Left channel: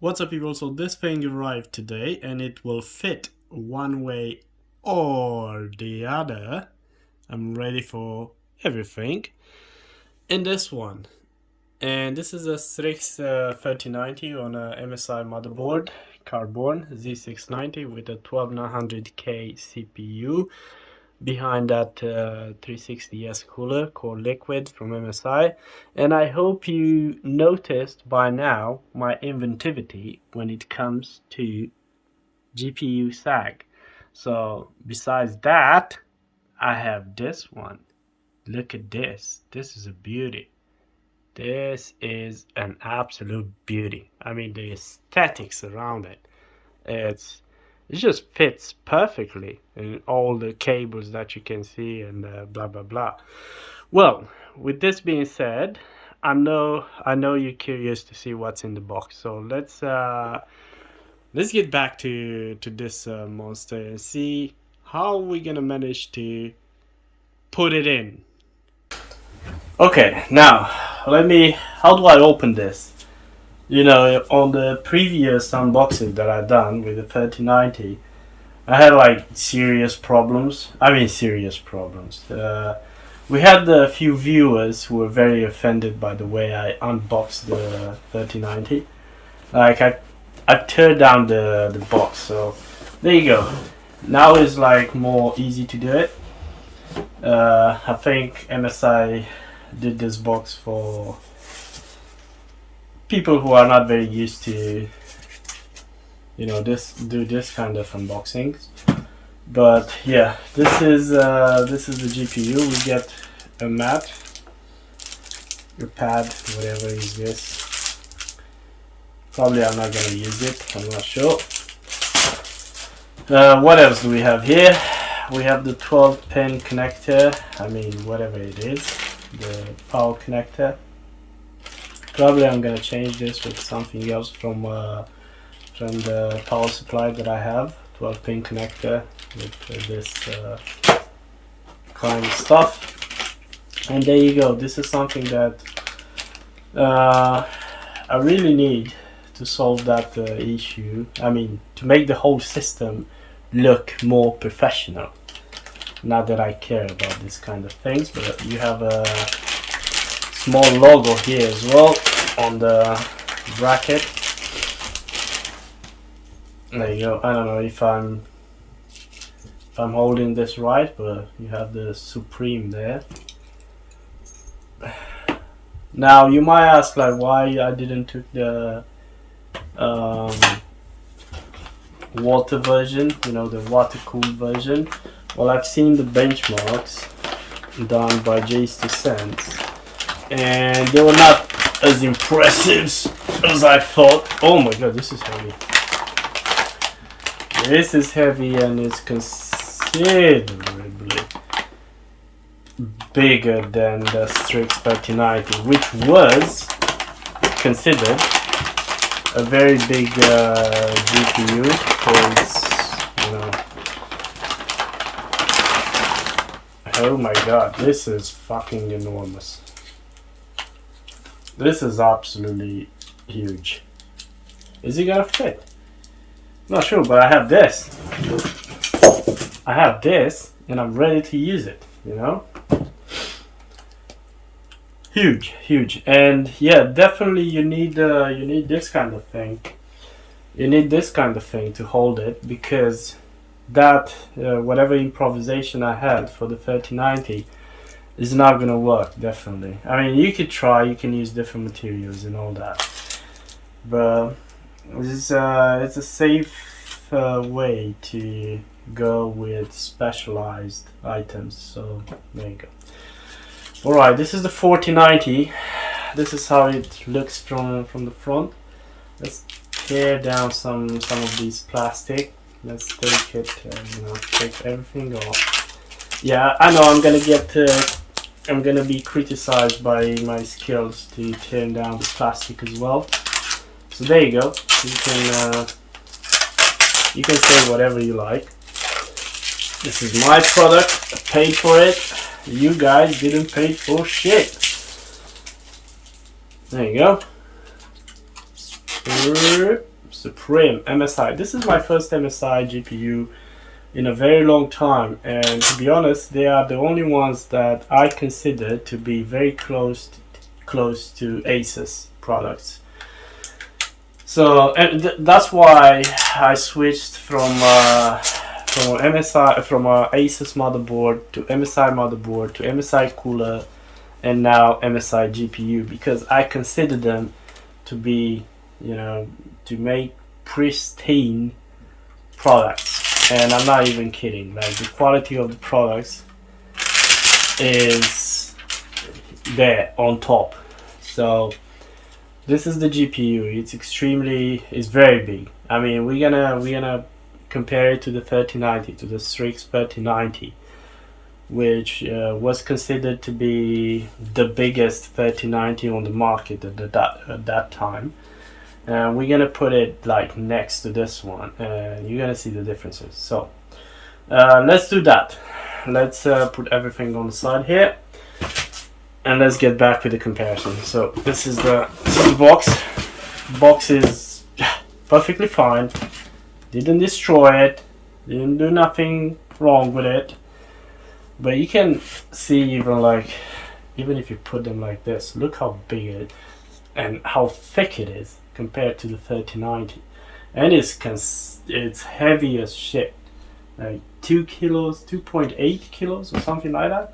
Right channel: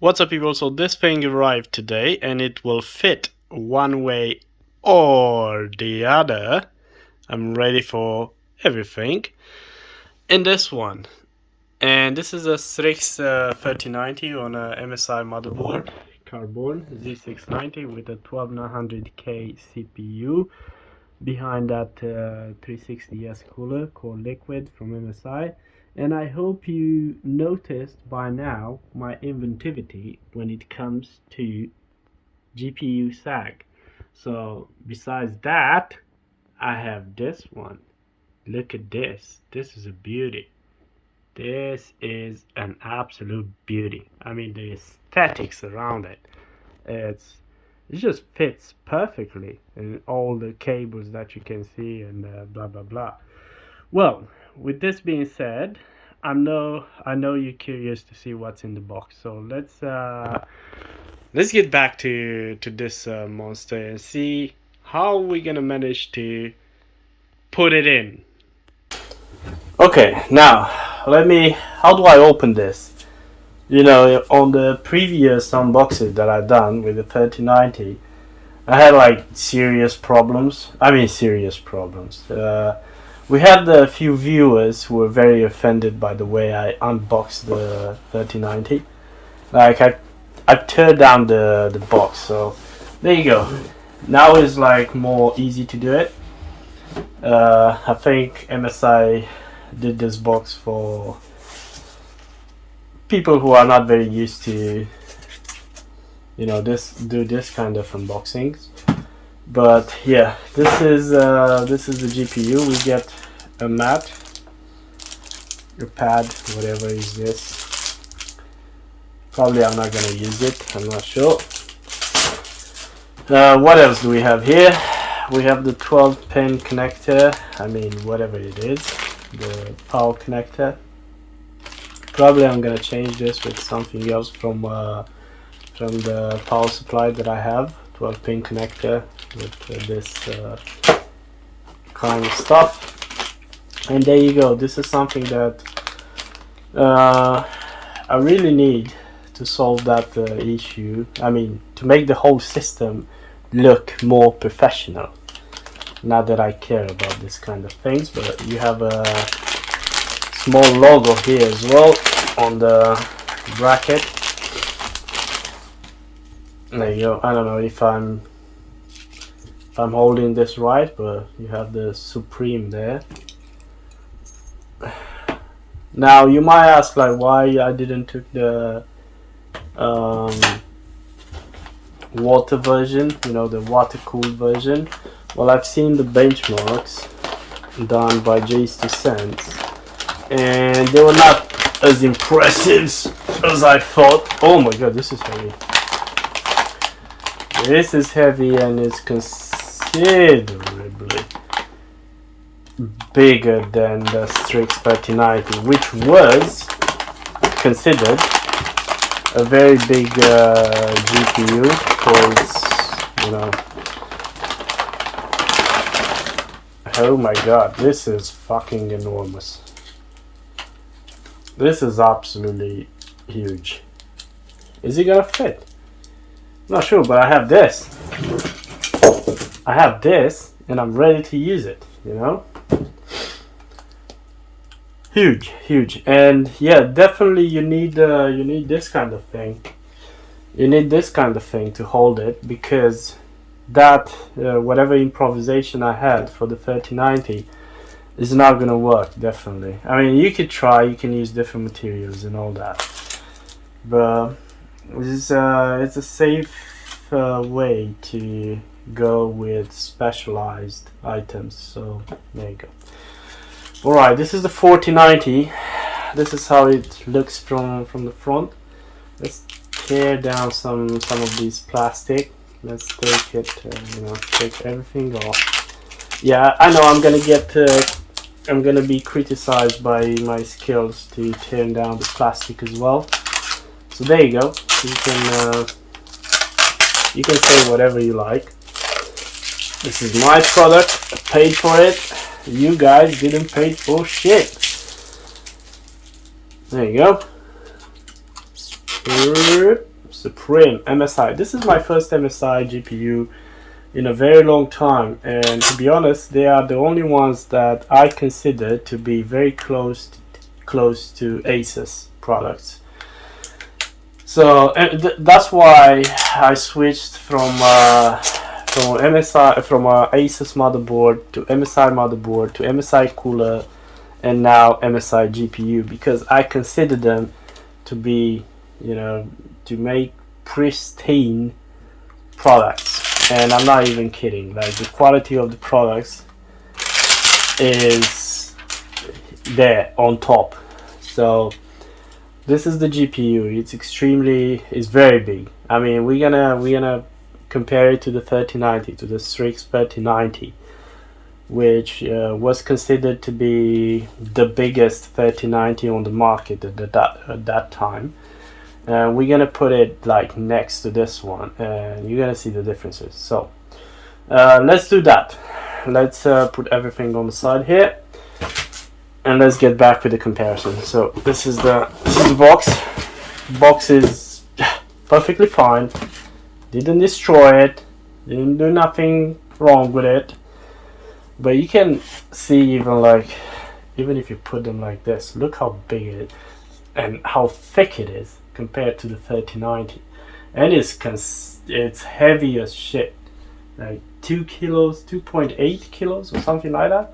What's up, people? So this thing arrived today and it will fit one way or the other. I'm ready for everything in this one. And this is a STRIX 3090 on a MSI motherboard, carbon Z690 with a 12900K CPU. Behind that 360S cooler called Liquid from MSI. And I hope you noticed by now my inventivity when it comes to GPU sag. So besides that, I have this one. Look at this. This is a beauty. This is an absolute beauty. I mean, the aesthetics around it. It just fits perfectly in all the cables that you can see and blah blah blah. Well, with this being said, I know you're curious to see what's in the box. So let's get back to this monster and see how we're gonna manage to put it in. Okay, now how do I open this? You know, on the previous unboxing that I done with the 3090, I had like serious problems. We had a few viewers who were very offended by the way I unboxed the 3090. Like I tore down the box, so there you go. Now it's like more easy to do it. I think MSI did this box for people who are not very used to, you know, do this kind of unboxings. But yeah, this is the GPU. We get a mat, a pad, whatever is this. Probably I'm not gonna use it, I'm not sure. What else do we have here? We have the 12-pin connector, I mean whatever it is, the power connector. Probably I'm gonna change this with something else from the power supply that I have. 12-pin connector with this kind of stuff. And there you go. This is something that I really need to solve that issue. I mean, to make the whole system look more professional. Not that I care about this kind of things, but you have a small logo here as well on the bracket. There you go. I don't know if I'm holding this right, but you have the Supreme there. Now you might ask like why I didn't took the water version, you know, the water cooled version. Well, I've seen the benchmarks done by J2Sense and they were not as impressive as I thought. Oh my god, this is heavy. This is heavy and it's considerably bigger than the STRIX 3090, which was considered a very big GPU because, you know, oh my god, this is fucking enormous. This is absolutely huge. Is it gonna fit? Not sure, but I have this. I have this, and I'm ready to use it. You know, huge, and yeah, definitely you need this kind of thing. You need this kind of thing to hold it because that whatever improvisation I had for the 3090 is not gonna work. Definitely. I mean, you could try. You can use different materials and all that, but it's a safe way to go with specialized items. So there you go. Alright, this is the 4090. This is how it looks from the front. Let's tear down some of these plastic. Let's take it, you know, take everything off. Yeah, I know I'm gonna be criticized by my skills to tear down the plastic as well. So there you go. You can say whatever you like. This is my product. I paid for it. You guys didn't pay for shit. There you go. Supreme MSI. This is my first MSI GPU in a very long time, and to be honest, they are the only ones that I consider to be very close to ASUS products. So that's why I switched from ASUS motherboard to MSI motherboard to MSI cooler, and now MSI GPU, because I consider them to be, to make pristine products. And I'm not even kidding. Like, the quality of the products is there on top. So this is the GPU. It's very big. I mean, we're gonna compare it to the 3090, to the Strix 3090, which was considered to be the biggest 3090 on the market at that time. And we're gonna put it like next to this one, and you're gonna see the differences. So let's do that. Let's put everything on the side here, and let's get back with the comparison. So this is the box. The box is perfectly fine. Didn't destroy it. Didn't do nothing wrong with it. But you can see, even if you put them like this, look how big it is and how thick it is compared to the 3090. And it's heavy as shit. Like 2 kilos, 2.8 kilos or something like that.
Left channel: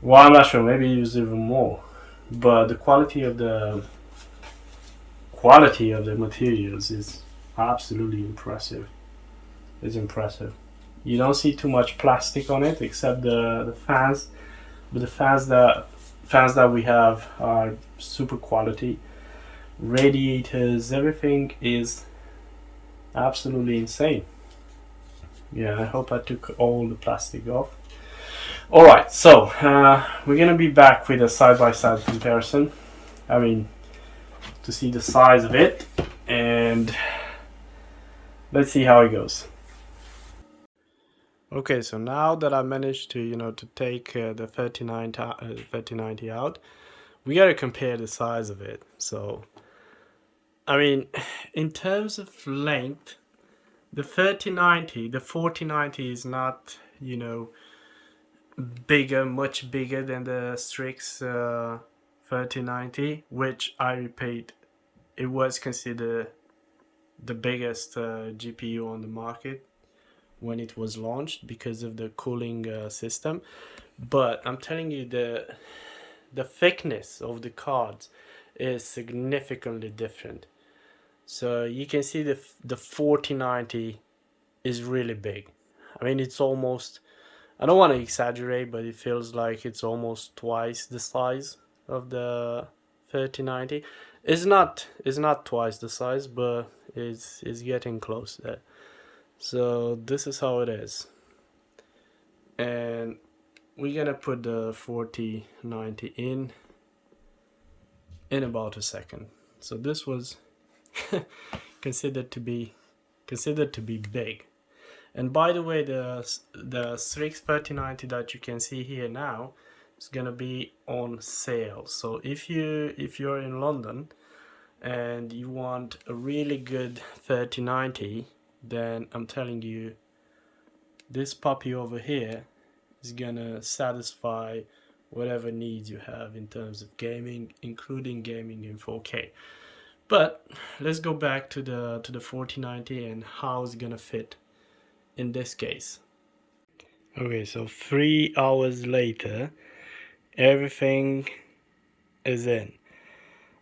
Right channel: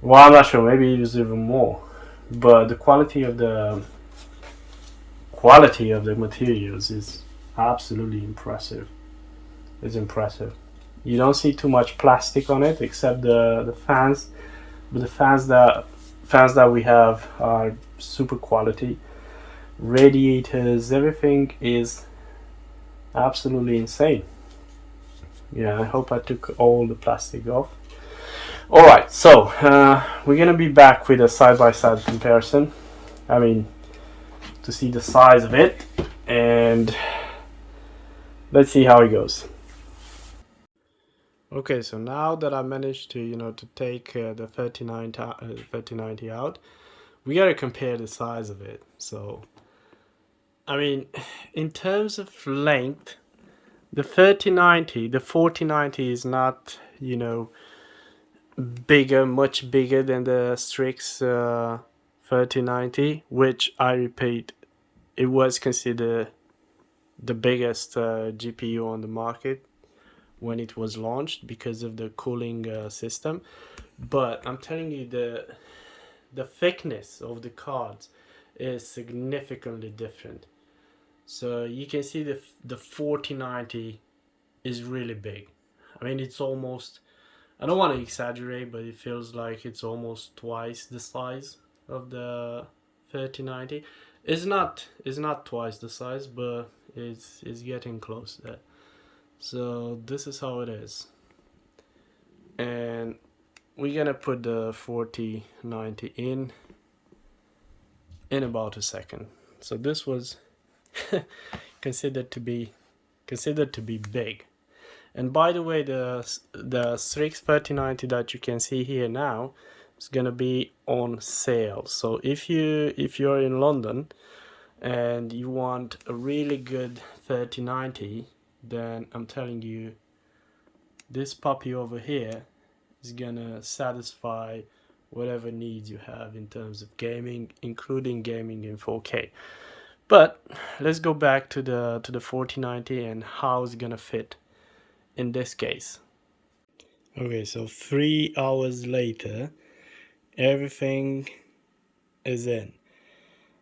Well, I'm not sure, maybe it was even more. But the quality of the materials is absolutely impressive. It's impressive. You don't see too much plastic on it, except the fans. But the fans that we have are super quality. Radiators, everything is absolutely insane. Yeah, I hope I took all the plastic off. Alright, so we're gonna be back with a side-by-side comparison. I mean, to see the size of it, and let's see how it goes. Okay, so now that I managed to take the 3090 out, we gotta compare the size of it. So, I mean, in terms of length, the 4090 is not, much bigger than the Strix 3090, which, I repeat, it was considered the biggest GPU on the market when it was launched because of the cooling system. But I'm telling you, the thickness of the cards is significantly different. So you can see the 4090 is really big. I mean, it's almost, I don't want to exaggerate, but it feels like it's almost twice the size of the 3090. It's not twice the size, but it's getting close there. So this is how it is, and we're gonna put the 4090 in about a second. So this was considered to be big. And by the way, the Strix 3090 that you can see here now is gonna be on sale. So if you're in London and you want a really good 3090, then I'm telling you, this puppy over here is gonna satisfy whatever needs you have in terms of gaming, including gaming in 4K. But let's go back to the 4090 and how it's gonna fit in this case. Okay, so 3 hours later, everything is in.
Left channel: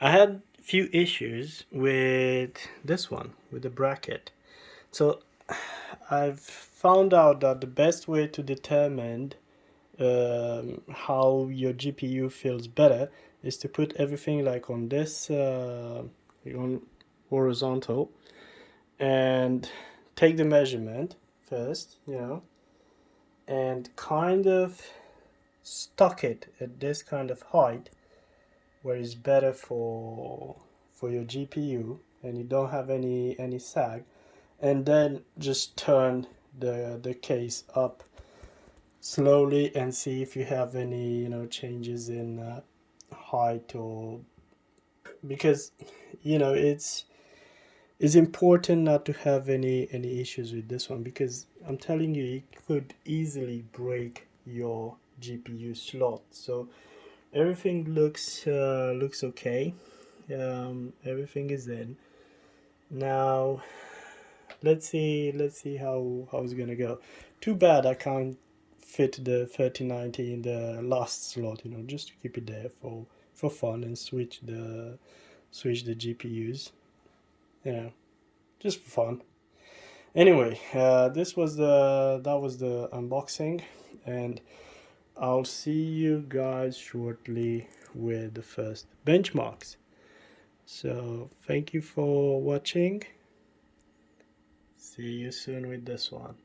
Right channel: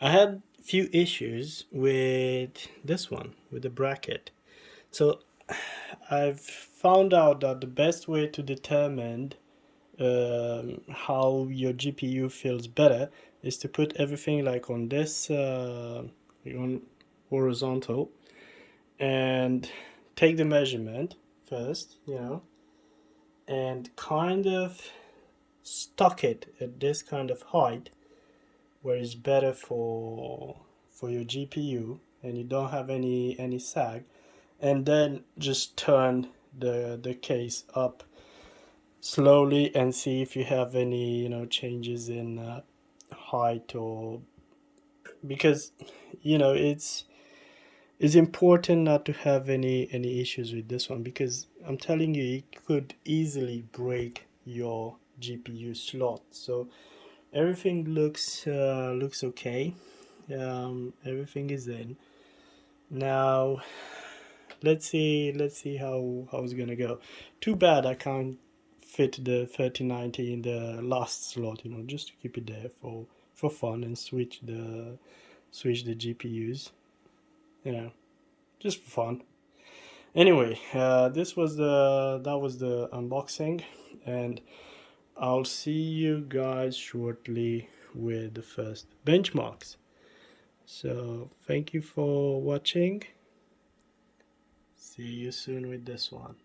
I had a few issues with this one, with the bracket. So I've found out that the best way to determine how your GPU feels better is to put everything like on this on horizontal, and take the measurement first, and kind of stock it at this kind of height where it's better for your GPU and you don't have any sag. And then just turn the case up slowly and see if you have any changes in height, or because you know, it's important not to have any issues with this one, because I'm telling you, it could easily break your GPU slot. So everything looks okay. Everything is in. Now let's see how it's gonna go. Too bad I can't fit the 3090 in the last slot, you know, just to keep it there for fun, and switch the GPUs, you know, just for fun. Anyway, that was the unboxing, and I'll see you guys shortly with the first benchmarks. So thank you for watching. See you soon with this one.